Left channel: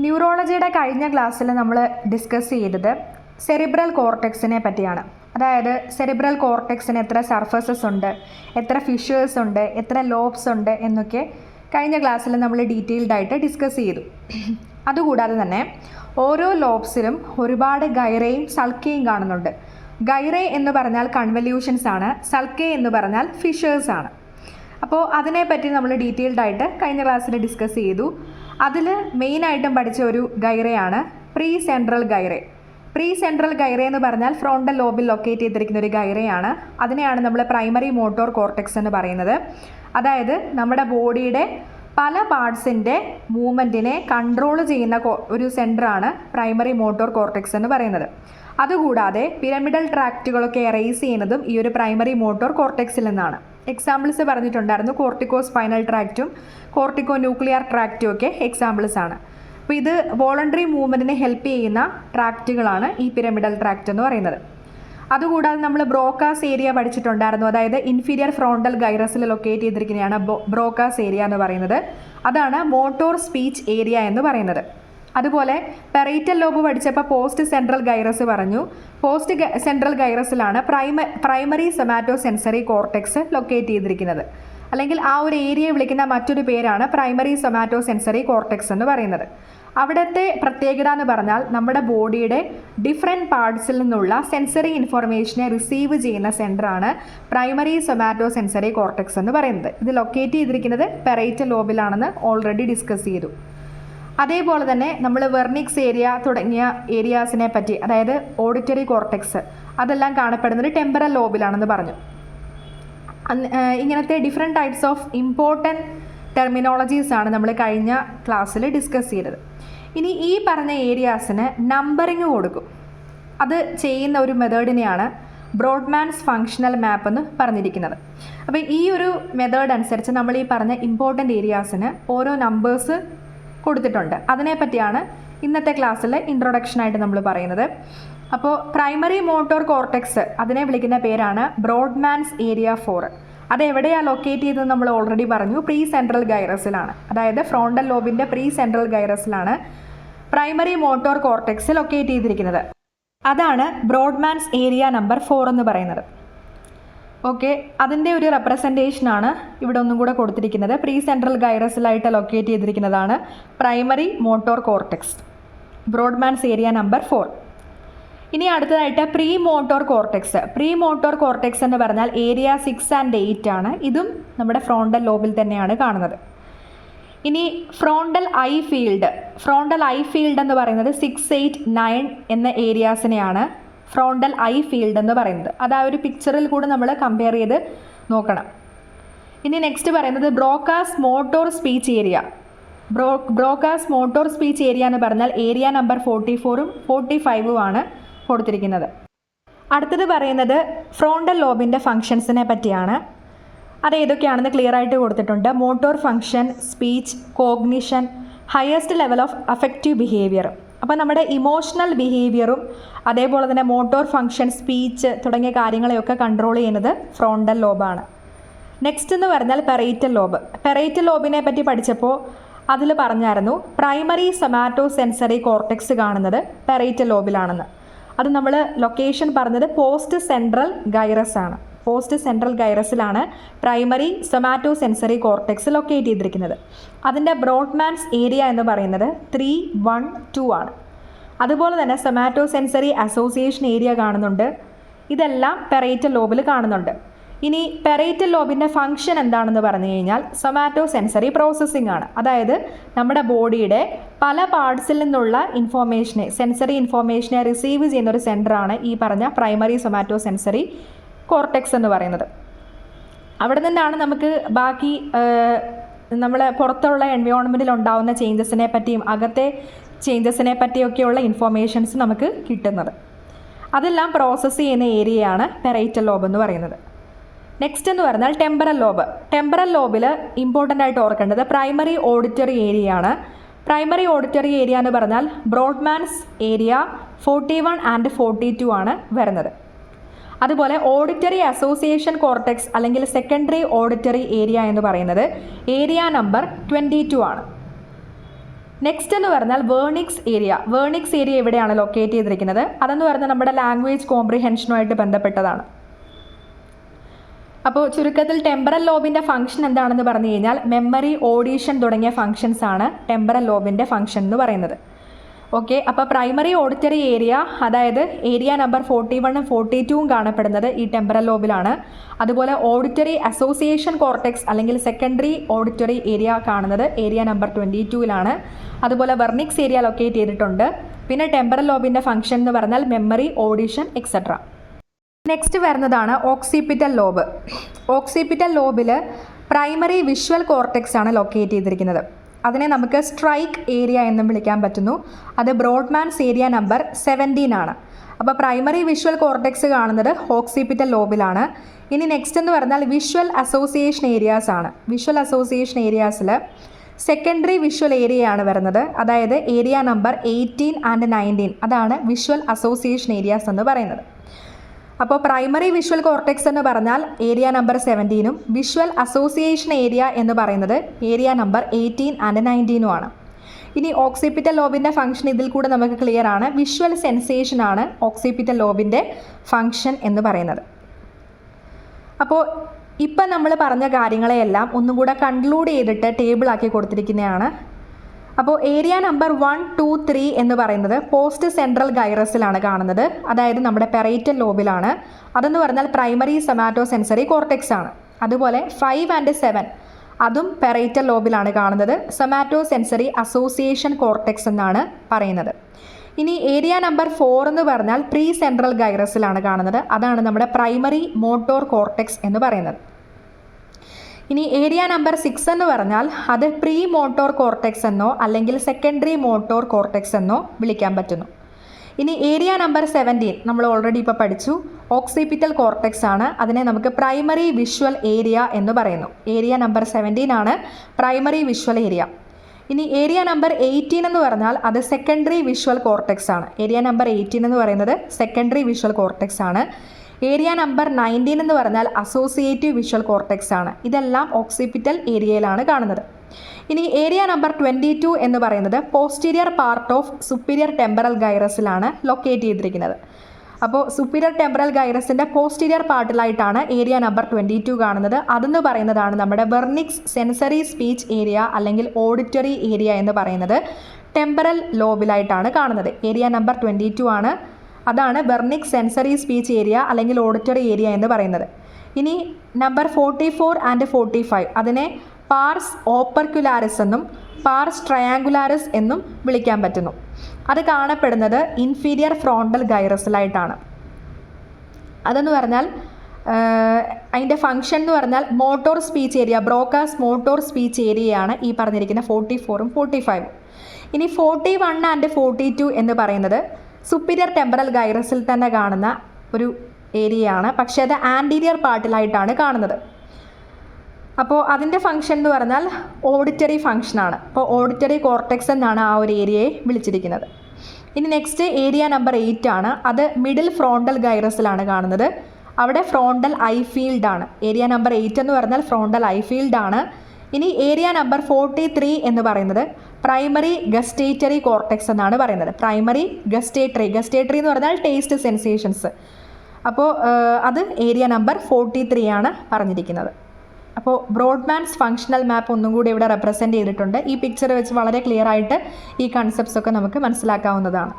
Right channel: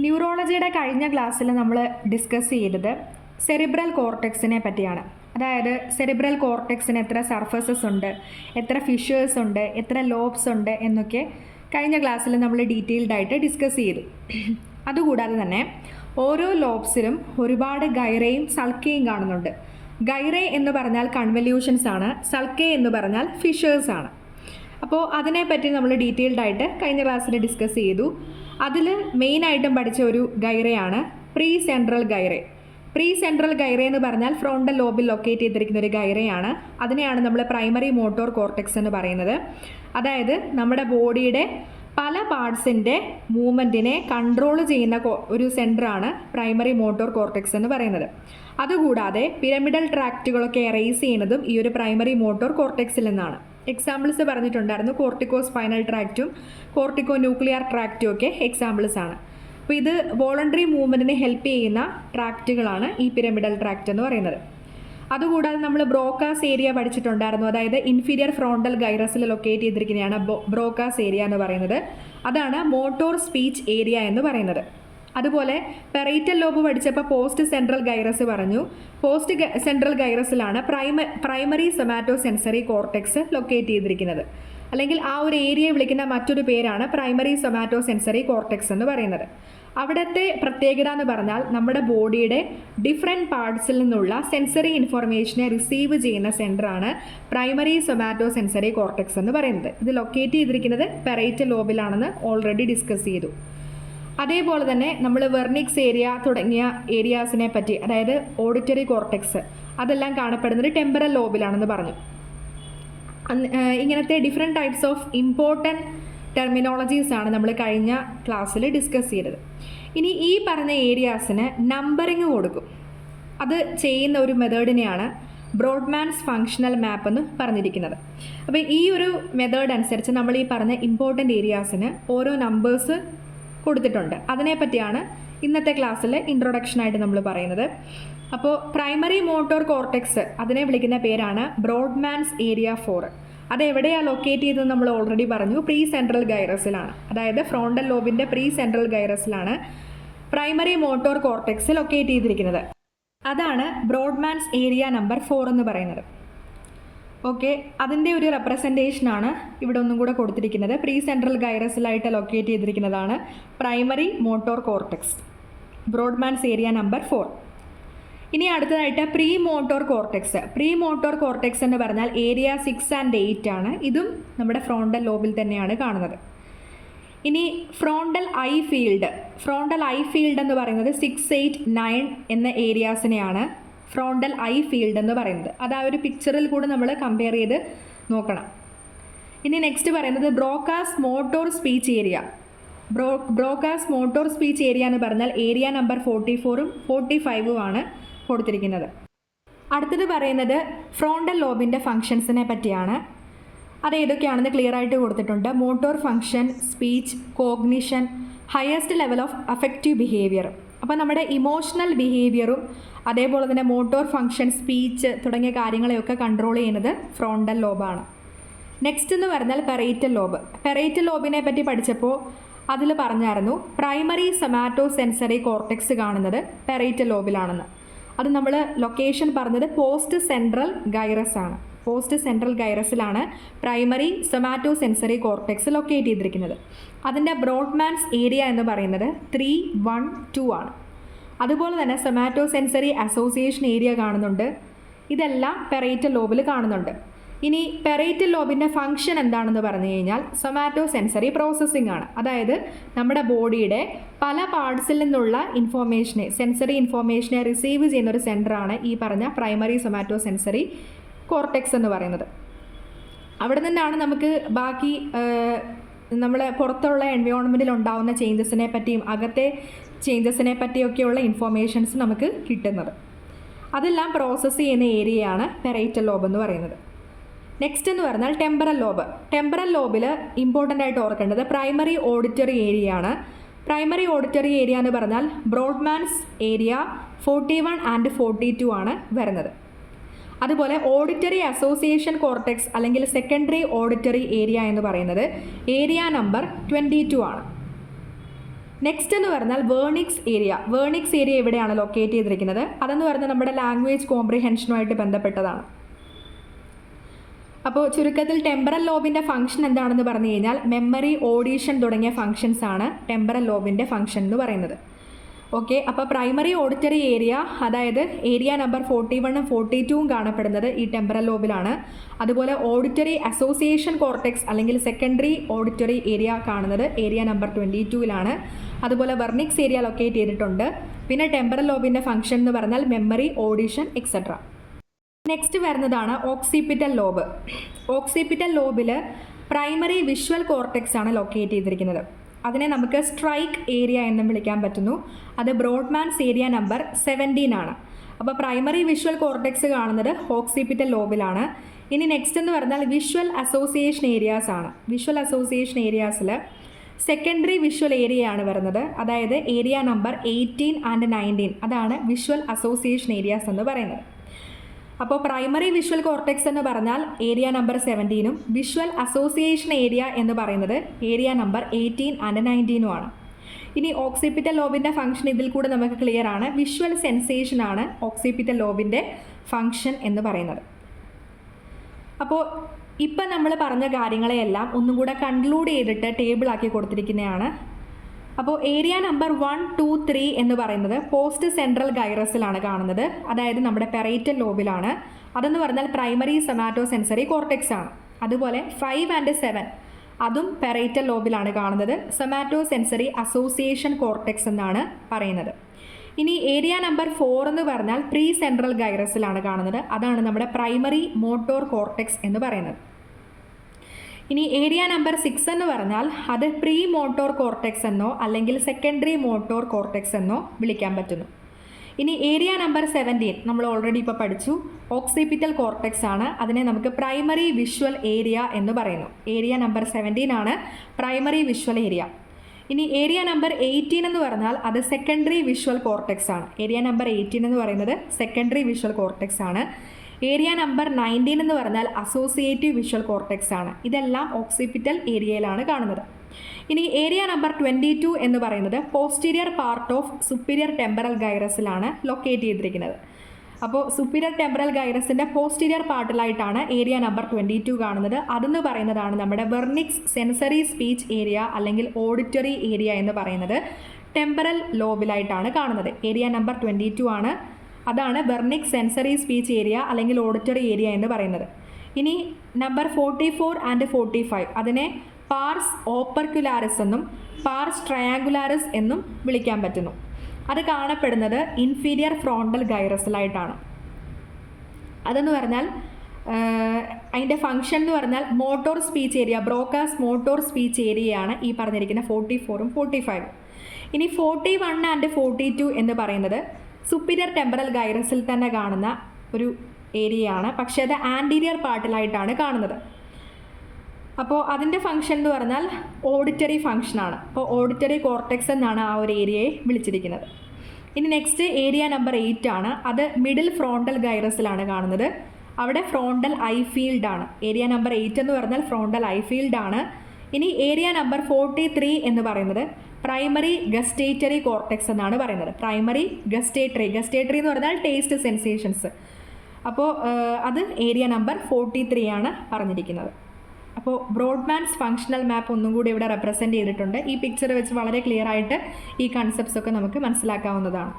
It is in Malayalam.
ന്യൂറോളജിയുടെ കഴിഞ്ഞ ക്ലാസ്സിൽ നമ്മൾ ഡിസ്കസ് ചെയ്തത് സെറിബ്രൽ കോർട്ടെക്സിനെ പറ്റിയാണ്. അതായത് സെറിബ്രൽ കോർട്ടെക്സിന് എത്ര സർഫസസ് ഉണ്ട്, എത്ര ഫിഷേഴ്സ് ഉണ്ട്, എത്ര ലോബ്സ് ഉണ്ട് എന്നൊക്കെ കഴിഞ്ഞ ക്ലാസ്സിൽ നമ്മൾ ഡീറ്റെയിൽഡ് ആയിട്ട് ഡിസ്കസ് ചെയ്തു. അതുകൂടാതെ തന്നെ ഓരോ ലോബ്സിലും ഒരുപാട് ഗൈറയും സൾക്കയും കാണുന്നുണ്ട്. ഗൈറേ എന്ന് പറഞ്ഞാൽ കൺവല്യൂഷൻസ് ആണ്, സൾക്കേ എന്ന് പറഞ്ഞാൽ ഫിഷേഴ്സ് ആണ്. അപ്പോൾ അതിനെപ്പറ്റി നമ്മൾ ഡീറ്റെയിൽഡ് ആയിട്ട് കഴിഞ്ഞ ക്ലാസ്സിൽ ഡിസ്കസ് ചെയ്തു. അതിൽ മെയിനായിട്ടും പഠിച്ച ഒരു ഗൈറയാണ് പ്രീ സെൻട്രൽ ഗൈറേ. പ്രീ സെൻട്രൽ ഗൈറേ എന്ന് പറഞ്ഞാൽ ഫ്രോണ്ടൽ ലോബിൽ ലൊക്കേറ്റ് ചെയ്തിരിക്കുന്ന ഒരു ഗൈറയാണ്. അതിനെയാണ് നമ്മൾ പ്രൈമറി മോട്ടോർ കോർട്ടെക്സ് എന്ന് പറയുന്നത്. അതായത് നമ്മുടെ ബോഡിയുടെ പല പാർട്സിൻ്റെ മൂവ്മെൻറ്റിനെ കൺട്രോൾ ചെയ്യുന്ന ഒരു സെൻറ്ററാണ് പ്രൈമറി മോട്ടോർ കോർട്ടെക്സ് എന്ന് പറയുന്നത്. അതുകൂടാതെ പിരമിഡൽ ട്രാക്റ്റുകളൊക്കെ എറേസ് ചെയ്യുന്നതും ഈ ഒരു പ്രൈമറി മോട്ടോർ കോർട്ടെക്സിൽ നിന്നാണ്. എക്സാമ്പിൾസ് പറഞ്ഞിട്ടുണ്ടായിരുന്നു. കോർട്ടിക്കോ സ്പൈനൽ ട്രാക്റ്റും കോർട്ടിക്കോ ന്യൂക്ലിയർ ട്രാക്റ്റും ഒക്കെ എക്സാമ്പിൾസ് ആണ്. അപ്പോൾ ഇത് വോളണ്ടറി മൂവ്മെൻറ്റിനെ ഹെൽപ്പ് ചെയ്യുന്ന ട്രാക്റ്റുകളാണ് ഈ പിരമിഡൽ ട്രാക്റ്റ് എന്ന് പറയുന്നത്. അതുകൂടാതെ നമ്മൾ ബ്രോക്കാസ് ഏരിയ പഠിച്ചിട്ടുണ്ടായിരുന്നു. അതായത് ഇൻഫീരിയർ ഫ്രോണ്ടൽ ഗൈറസിൽ ലൊക്കേറ്റ് ചെയ്തിരിക്കുന്നതാണ് ബ്രോക്കാസ് ഏരിയ എന്ന് പറയുന്നത്. അതാണ് മോട്ടോർ സ്പീച്ച് ഏരിയ എന്ന് പറയുന്നത്. അതുപോലെ പെറൈറ്റൽ ലോബ് പഠിച്ചപ്പോൾ പോസ്റ്റ് സെൻട്രൽ ഗൈറസ് പറഞ്ഞു. പോസ്റ്റ് സെൻട്രൽ ഗൈറസിലാണ് primary somatosensory cortex locate ചെയ്തിരിക്കുന്നത്. അല്ലെങ്കിൽ ആ ഒരു ഏരിയയെ വിളിക്കുന്ന മറ്റൊരു പേരാണ് പ്രൈമറി സൊമാറ്റോ സെൻസറി കോർട്ടെക്സ് എന്ന് പറയുന്നത്. അവിടുത്തെ പ്രത്യേകത എന്ന് പറഞ്ഞാൽ നമ്മുടെ ബോഡിയുടെ ഡിഫറെൻറ്റ് പാർട്സിൽ നിന്നുള്ള സെൻസറി ഇൻഫർമേഷനെ റിസീവ് ചെയ്യുന്ന സെൻറ്ററാണ് പ്രൈമറി സൊമാറ്റോ സെൻസറി കോർട്ടെക്സ് എന്ന് പറയുന്നത്. ഇത് ലൊക്കേറ്റ് ചെയ്തിരിക്കുന്നത് പെറൈറ്റൽ ലോബിലാണെന്ന് ഓൾറെഡി ഡിസ്കസ് ചെയ്തു. അതേപോലെ തന്നെ നമ്മൾ വെർണിക്സ് ഏരിയ തുടങ്ങിയ ഏരിയാസിനെ പറ്റി, അതായത് ഓഡിറ്ററി കോർട്ടെക്സ്, അതെല്ലാം കാണപ്പെടുന്നത് ടെമ്പറൽ ലോബിലാണെന്ന് പറഞ്ഞു. ഇങ്ങനത്തെ ഡിഫറെൻറ്റ് ടൈപ്സ് ഓഫ് ഇമ്പോർട്ടൻറ്റ് ടെർമിനോളജീസാണ് നമ്മൾ കഴിഞ്ഞ ക്ലാസ്സിൽ ഡിസ്കസ് ചെയ്തത്. ഇനി ഈ പറഞ്ഞ ഏരിയാസിന് നമ്പറിങ് കൊടുക്കും. അത് ചെയ്യുന്ന ഒരു മെത്തേഡിനെയാണ് ബ്രോഡ്മാൻസ് ഫങ്ഷണൽ മാപ്പ് എന്ന് പറഞ്ഞിരിക്കുന്നത്. അപ്പോൾ ഈ ഒരു മെത്തേഡ് അനുസരിച്ച് നമ്മൾ ഈ പറഞ്ഞ ഇമ്പോർട്ടൻ്റ് ഏരിയാസിന് ഓരോ നമ്പേഴ്സ് കൊടുത്തിട്ടുണ്ട്. അതിനെപ്പറ്റിയാണ് ഇന്നത്തെ ക്ലാസ്സിൽ ഇൻട്രൊഡക്ഷനായിട്ട് നമ്മൾ പറയുന്നത്. അപ്പോൾ പ്രൈമറി മോട്ടോർ കോർട്ടെക്സ് അതിനെ വിളിക്കുന്ന പേരാണ് ബ്രോഡ്മാൻസ് ഏരിയ 4. അതെവിടെയാണ് ലൊക്കേറ്റ് ചെയ്തത് നമ്മൾ ഓൾറെഡി പറഞ്ഞു. പ്രീ സെൻട്രൽ ഗൈറസിലാണ്. അതായത് ഫ്രോണ്ടൽ ലോബിൻ്റെ പ്രീ സെൻട്രൽ ഗൈറസിലാണ് പ്രൈമറി മോട്ടോർ കോർട്ടെക്സ് ലൊക്കേറ്റ് ചെയ്തിരിക്കുന്നത്. അതാണ് ബ്രോഡ്മാൻസ് ഏരിയ നമ്പർ 4 എന്ന് പറയുന്നത്. ഓക്കെ, അതിൻ്റെ ഒരു റെപ്രസെൻറ്റേഷനാണ് ഇവിടെ ഒന്നും കൂടെ കൊടുത്തിരിക്കുന്നത്. പ്രീ സെൻട്രൽ ഗൈറസിലായിട്ട് ലൊക്കേറ്റ് ചെയ്തിരിക്കുന്നതാണ് primary motor cortex, Brodmann's area number 4. ഇനി അടുത്തതായിട്ട് premotor cortex. Premotor cortex എന്ന് പറഞ്ഞാൽ ഏരിയ 6 and 8 ആണ്. ഇതും നമ്മുടെ ഫ്രോണ്ടൽ ലോബിൽ തന്നെയാണ് കാണുന്നത്. ഇനി frontal I field. Frontal I field എന്ന് പറയുന്നത് 6, 8, 9 എന്ന ഏരിയാസിനെയാണ് ഫ്രോണ്ടൽ ഐ ഫീൽഡ് എന്ന് പറയുന്നത്. അത് ആ ഒരു പിക്ചറിൽ കൂടെ നമ്മൾ കമ്പയർ ചെയ്ത് നോക്കണം. ഇനി നെക്സ്റ്റ് പറയുന്നത് Broca's motor speech area. Broca's motor speech area എന്ന് പറഞ്ഞാൽ ഏരിയ നമ്പർ 44ഉം 45ഉം ആണ് കൊടുത്തിരിക്കുന്നത്. അടുത്തത് പറയുന്നത് ഫ്രോണ്ടൽ ലോബിൻ്റെ ഫങ്ഷൻസിനെ പറ്റിയാണ്. അത് ഏതൊക്കെയാണെന്ന് ക്ലിയർ ആയിട്ട് കൊടുത്തിട്ടുണ്ട്. Motor function, speech, cognition, highest level of affective behaviour. അപ്പോൾ നമ്മുടെ ഇമോഷണൽ ബിഹേവിയറും അതേപോലെ തന്നെ മോട്ടോർ ഫങ്ഷൻ, സ്പീച്ച് തുടങ്ങിയ കാര്യങ്ങളെയൊക്കെ കൺട്രോൾ ചെയ്യുന്നത് ഫ്രോണ്ടൽ ലോബാണ്. നെക്സ്റ്റ് എന്ന് പറഞ്ഞാൽ പെറൈറ്റൽ ലോബ്. പെറൈറ്റൽ ലോബിനെ പറ്റി പഠിച്ചപ്പോൾ അതിൽ പറഞ്ഞായിരുന്നു പ്രൈമറി സൊമാറ്റോ സെൻസറി കോർട്ടെക്സ് കാണുന്നത് പെറൈറ്റൽ ലോബിലാണെന്ന്. അത് നമ്മൾ ലൊക്കേഷൻ പറഞ്ഞത് പോസ്റ്റ് സെൻട്രൽ ഗൈറസ് ആണ്. പോസ്റ്റ് സെൻട്രൽ ഗൈറസിലാണ് primary somatosensory cortex locate ചെയ്തിരിക്കുന്നത്. അതിൻ്റെ ബ്രോഡ്മാൻസ് ഏരിയ എന്ന് പറയുന്നത് 3, 1, 2 ആണ്. അതുപോലെ തന്നെ സൊമാറ്റോ സെൻസറി അസോസിയേഷൻ ഏരിയ കാണുന്നുണ്ട്. ഇതെല്ലാം പെറൈറ്റൽ ലോബിൽ കാണുന്നുണ്ട്. ഇനി പെറൈറ്റൽ ലോബിൻ്റെ ഫംഗ്ഷൻ എന്താണെന്ന് പറഞ്ഞു കഴിഞ്ഞാൽ സൊമാറ്റോ സെൻസറി പ്രോസസ്സിംഗ് ആണ്. അതായത് നമ്മുടെ ബോഡിയുടെ പല പാർട്സിൽ നിന്നുള്ള ഇൻഫോർമേഷനെ, സെൻസറി ഇൻഫോർമേഷനെ റിസീവ് ചെയ്യുന്ന ഒരു സെൻറ്ററാണ് ഈ പറഞ്ഞ പ്രൈമറി സൊമാറ്റോ സെൻസറി കോർട്ടെക്സ് എന്ന് പറയുന്നത്. അവിടെ നിന്നാണ് നമുക്ക് ബാക്കി നമ്മളെ പുറത്തുള്ള എൻവയോൺമെൻറ്റിൽ ഉണ്ടാകുന്ന ചേഞ്ചസിനെ പറ്റിയും അകത്തെ ചേഞ്ചസിനെ പറ്റിയൊക്കെയുള്ള ഇൻഫോർമേഷൻസ് നമുക്ക് കിട്ടുന്നത്. അതെല്ലാം പ്രോസസ്സ് ചെയ്യുന്ന ഏരിയയാണ് പെറൈറ്റൽ ലോബ് എന്ന് പറയുന്നത്. നെക്സ്റ്റ് എന്ന് പറഞ്ഞാൽ ടെമ്പറൽ ലോബ്. ടെമ്പറൽ ലോബിൽ ഇമ്പോർട്ടൻ്റ് ആയിട്ട് ഓർക്കേണ്ടത് പ്രൈമറി ഓഡിറ്ററി ഏരിയ ആണ്. പ്രൈമറി ഓഡിറ്ററി ഏരിയ എന്ന് പറഞ്ഞാൽ ബ്രോഡ്മാൻസ് ഏരിയ 41 and 42 ആണ് വരുന്നത്. അതുപോലെ ഓഡിറ്ററി അസോസിയേഷൻ കോർട്ടെക്സ് അല്ലെങ്കിൽ സെക്കൻഡറി ഓഡിറ്ററി ഏരിയ എന്ന് പറയുന്നത് ഏരിയ നമ്പർ 22 ആണ്. നെക്സ്റ്റ് എന്ന് പറഞ്ഞാൽ വേർണിക്സ് ഏരിയ. വേർണിക്സ് ഏരിയ എവിടെയാണ് ലൊക്കേറ്റ് ചെയ്തിരിക്കുന്നത്? അതെന്ന് പറഞ്ഞാൽ നമ്മുടെ ലാംഗ്വേജ് കോംപ്രിഹെൻഷനുമായിട്ട് ബന്ധപ്പെട്ടതാണ്. അപ്പോൾ ചുരുക്കത്തിൽ ടെമ്പറൽ ലോബിൻ്റെ ഫംഗ്ഷൻ എന്താണെന്ന് പറഞ്ഞു കഴിഞ്ഞാൽ മെമ്മറി, ഓഡീഷൻ തുടങ്ങിയ ഫംഗ്ഷൻസ് ആണ് ടെമ്പറൽ ലോബിൻ്റെ ഫംഗ്ഷൻ എന്ന് പറയുന്നത്. ഓക്കെ, അപ്പോൾ പ്രൈമറി ഓഡിറ്ററി ഏരിയ, അതായത് ഏരിയ നമ്പർ 41ഉം 42ഉം കാണപ്പെടുന്നത് ഈ ടെമ്പറൽ ലോബിലാണ്. അതുപോലെ ഓഡിറ്ററി അസോസിയേഷൻ കോർട്ടെക്സ് അല്ലെങ്കിൽ സെക്കൻഡറി ഓഡിറ്ററി ഏരിയ കാണുന്നത് ഏരിയ നമ്പർ 22ലാണ്. അതുപോലെ വെർണിക്സ് ഏരിയ ലൊക്കേറ്റ് ചെയ്തിട്ടുണ്ട്. പിന്നെ ടെമ്പറൽ ലോബിൻ്റെ ഫംഗ്ഷൻ എന്ന് പറഞ്ഞാൽ മെമ്മറി, ഓഡിഷൻ എക്സെട്ര. നെക്സ്റ്റ് വരുന്നതാണ് ഓക്സിപിറ്റൽ ലോബ്. ഓക്സിപിറ്റൽ ലോബിൽ പ്രൈമറി വിഷ്വൽ കോർട്ടെക്സ് ആണ് ലൊക്കേറ്റ് ചെയ്തിരിക്കുന്നത്. അതിനെ നമുക്ക് സ്ട്രൈക്ക് ഏരിയ എന്നും വിളിക്കാൻ പറ്റുന്നു. അത് ബ്രോഡ്മാൻസ് ഏരിയ നമ്പർ 17 ആണ്. അപ്പോൾ പ്രൈമറി വിഷ്വൽ കോർട്ടെക്സ് കാണുന്നത് ഓക്സിപിറ്റൽ ലോബിലാണ്. ഇനി നെക്സ്റ്റ് എന്ന് പറഞ്ഞാൽ വിഷ്വൽ അസോസിയേഷൻ ഏരിയാസ് ആണ്. വിഷ്വൽ അസോസിയേഷൻ ഏരിയാസിൽ സെക്കൻഡറി വിഷ്വൽ ഏരിയ ആണ് വരുന്നത്. അതായത് ഏരിയ നമ്പർ 18 ആൻഡ് 19 അതാണ് വിഷ്വൽ അസോസിയേഷൻ ഏരിയാസ് എന്ന് പറയുന്നത്. അപ്പോൾ പ്രൈമറി വിഷ്വൽ കോർട്ടെക്സ് എന്ന് പറഞ്ഞാൽ ഏരിയ നമ്പർ 17ഉം വിഷ്വൽ അസോസിയേഷൻ ഏരിയ എന്ന് പറയുന്നത് ഏരിയ നമ്പർ 18 ആൻഡ് 19ഉമാണ്. ഇനി ഓക്സിപിറ്റൽ ലോബിൻ്റെ ഫംഗ്ഷൻ ഇതിൽ കൂടെ നമുക്ക് ക്ലിയർ ആണ്. വിഷ്വൽ സെൻസേഷൻ ആണ് ഓക്സിപിറ്റൽ ലോബിൻ്റെ ഫംഗ്ഷൻ എന്ന് പറയുന്നത്. അപ്പോൾ ഇപ്പം നമ്മൾ പറഞ്ഞ കാര്യങ്ങളെയെല്ലാം ഒന്നും കൂടെ കൺക്ലൂഡ് ചെയ്തിട്ട് ടേബിളാക്കി കൊടുത്തിരിക്കുന്നതാണ്. അപ്പോൾ ഏരിയ നമ്പർ 1, 2, 3 എന്ന് പറയുന്നത് പോസ്റ്റ് സെൻട്രൽ ഗൈറസിലാണ് കാണുന്നത്. അതായത് നമ്മുടെ പെറൈറ്റൽ ലോബിലാണ്. അതെന്ന് പറഞ്ഞാൽ പ്രൈമറി സൊമാറ്റോ സെൻസറി കോർട്ടെക്സ് ആണ്. അതുപോലെ 5 ആൻഡ് 7 അതും പെറൈറ്റൽ ലോബിലാണ് കാണുന്നത്. സൊമാറ്റോ സെൻസറി അസോസിയേഷൻ കോർട്ടെക്സ് എന്നാണ് പറയുന്നത്. ഇനി ഏരിയ നമ്പർ 4 എന്ന് പറഞ്ഞാൽ പ്രീ സെൻട്രൽ ഗൈറസിലാണ് കാണുന്നത്. അതാണ് നമ്മുടെ പ്രൈമറി മോട്ടോർ കോർട്ടെക്സ് എന്ന് പറയുന്നത്. ഇനി ഏരിയ നമ്പർ 6 എന്ന് പറഞ്ഞാൽ അത് പ്രീ മോട്ടോർ കോർട്ടെക്സ് എന്നോ അല്ലെങ്കിൽ സെക്കൻഡറി മോട്ടോർ കോർട്ടെക്സ് എന്നോ വിളിക്കാൻ പറ്റുന്നു. ഇനി ഏരിയ നമ്പർ 17 നമ്മൾ ഓൾറെഡി ഇപ്പോൾ പഠിച്ചു, ഓക്സിപിറ്റൽ കോർട്ടെക്സ് ആണ്. അതിനെ നമുക്ക് പ്രൈമറി വിഷ്വൽ ഏരിയ എന്ന് പറയുന്നു. ഏരിയ നമ്പർ 17 ആണ് പ്രൈമറി വിഷ്വൽ ഏരിയ. ഇനി ഏരിയ നമ്പർ 18 എന്ന് പറഞ്ഞാൽ അത് സെക്കൻഡറി വിഷ്വൽ കോർട്ടെക്സ് ആണ്. ഏരിയ നമ്പർ 18 എന്ന് പറയുന്നത് സെക്കൻഡറി വിഷ്വൽ കോർട്ടെക്സ് ആണ്. ഏരിയ നമ്പർ 19 എന്ന് പറഞ്ഞാൽ അസോസിയേറ്റീവ് വിഷ്വൽ കോർട്ടെക്സ് ആണ്. ഇതെല്ലാം ഓക്സിപിറ്റൽ ഏരിയയിലാണ് കാണുന്നത്. ഇനി ഏരിയ നമ്പർ 22 എന്ന് പറയുന്നത് posterior part of superior temporal ഗൈറസിലാണ് ലൊക്കേറ്റ് ചെയ്തിരിക്കുന്നത്. അപ്പോൾ സുപ്പീരിയർ ടെമ്പറൽ ഗൈറസിൻ്റെ പോസ്റ്റീരിയർ പാർട്ടിലായിട്ടാണ് ഏരിയ നമ്പർ 22 കാണുന്നത്. അതെന്ന് പറയുന്നതാണ് നമ്മുടെ വെർണിക്സ് സെൻസറി സ്പീച്ച് ഏരിയ അല്ലെങ്കിൽ ഓഡിറ്ററി ഏരിയ എന്ന് പറയുന്നത് ടെമ്പറൽ ലോബിലായിട്ടാണ് കാണുന്നത്. ഏരിയ നമ്പർ 22 ആണ്. അതാണ് വെർണിക്സ് സെൻസറി സ്പീച്ച് ഏരിയ അല്ലെങ്കിൽ ഓഡിറ്ററി ഏരിയ എന്ന് പറയുന്നത്. ഇനി നമ്പർ 44 ആൻഡ് 45 അതിനെ പാർസ് ഓപ്പർക്യുലാരിസ് എന്നും പാർസ് ട്രയാങ്കുലാരിസ് എന്നും വിളിക്കാൻ പറ്റുന്നു. അത് കാണപ്പെടുന്നത് ഇൻഫീരിയർ ഫ്രോണ്ടൽ ഗൈറസിലായിട്ടാണ്. അതെന്ന് പറഞ്ഞാൽ അതിൻ്റെ ഫംഗ്ഷൻ എന്ന് പറഞ്ഞാൽ motor speech area, Broca's motor speech ഏരിയയാണ് ഈ പറഞ്ഞിരിക്കുന്ന 44ഉം 45ഉം. ഇനി 41 ആൻഡ് 42 എന്ന് പറയുന്നത് സുപ്പീരിയർ ടെമ്പറൽ ഗൈറസിൽ തന്നെ കാണുന്ന ഒരു ഏരിയയാണ്. പക്ഷേ അത് ആൻറ്റീരിയർ പാർട്ടിലായിട്ടാണ് കാണുന്നത്. അപ്പോൾ അതിൻ്റെ ഫംഗ്ഷൻ എന്ന് പറഞ്ഞാൽ ഓഡിറ്ററി ഫംഗ്ഷനാണ്. അപ്പോൾ ഓഡിറ്ററി കോർട്ടെക്സ് എന്നാണ് ആ ഒരു ഏരിയയെ വിളിച്ചിരിക്കുന്നത്. ഇനി നെക്സ്റ്റ് ഏരിയ നമ്പർ 8 ആണ്. അത് മിഡിൽ ഫ്രോണ്ടൽ ഗൈറസിലാണ് കാണുന്നത്. അവിടെ ഫ്രോണ്ടൽ ഐ ഫീൽഡ് ആണ്. ഏരിയ നമ്പർ 8 എന്ന് പറഞ്ഞാൽ ഫ്രോണ്ടൽ ഐ ഫീൽഡ് ആണ്. ഇനി ഏരിയ നമ്പർ 43 എന്ന് പറയുന്നത് പ്രൈമറി ഗസ്റ്റേറ്ററി കോർട്ടെക്സ് എന്നാണ് പറയുന്നത്. പ്രൈമറി ഗസ്റ്റേറ്ററി എന്ന് പറഞ്ഞാൽ ടേസ്റ്റ് സെൻസേഷൻസ്. അപ്പോൾ അത് ഏരിയ നമ്പർ 43 ആണ് പറഞ്ഞിരിക്കുന്നത്. അപ്പോൾ ബ്രോഡ്മാൻസ് ഫങ്ഷണൽ മാപ്പ് ഒന്നും കൂടി ഇവിടെ റെപ്രസെൻറ്റ് ചെയ്തിട്ടുണ്ട്. ഈ പിക്ചർ വെച്ച് വളരെ ക്ലിയർ ആയിട്ട് ഈ കൺസെപ്റ്റ്സ് ഒക്കെ നമുക്ക് മനസ്സിലാക്കാവുന്നതാണ്.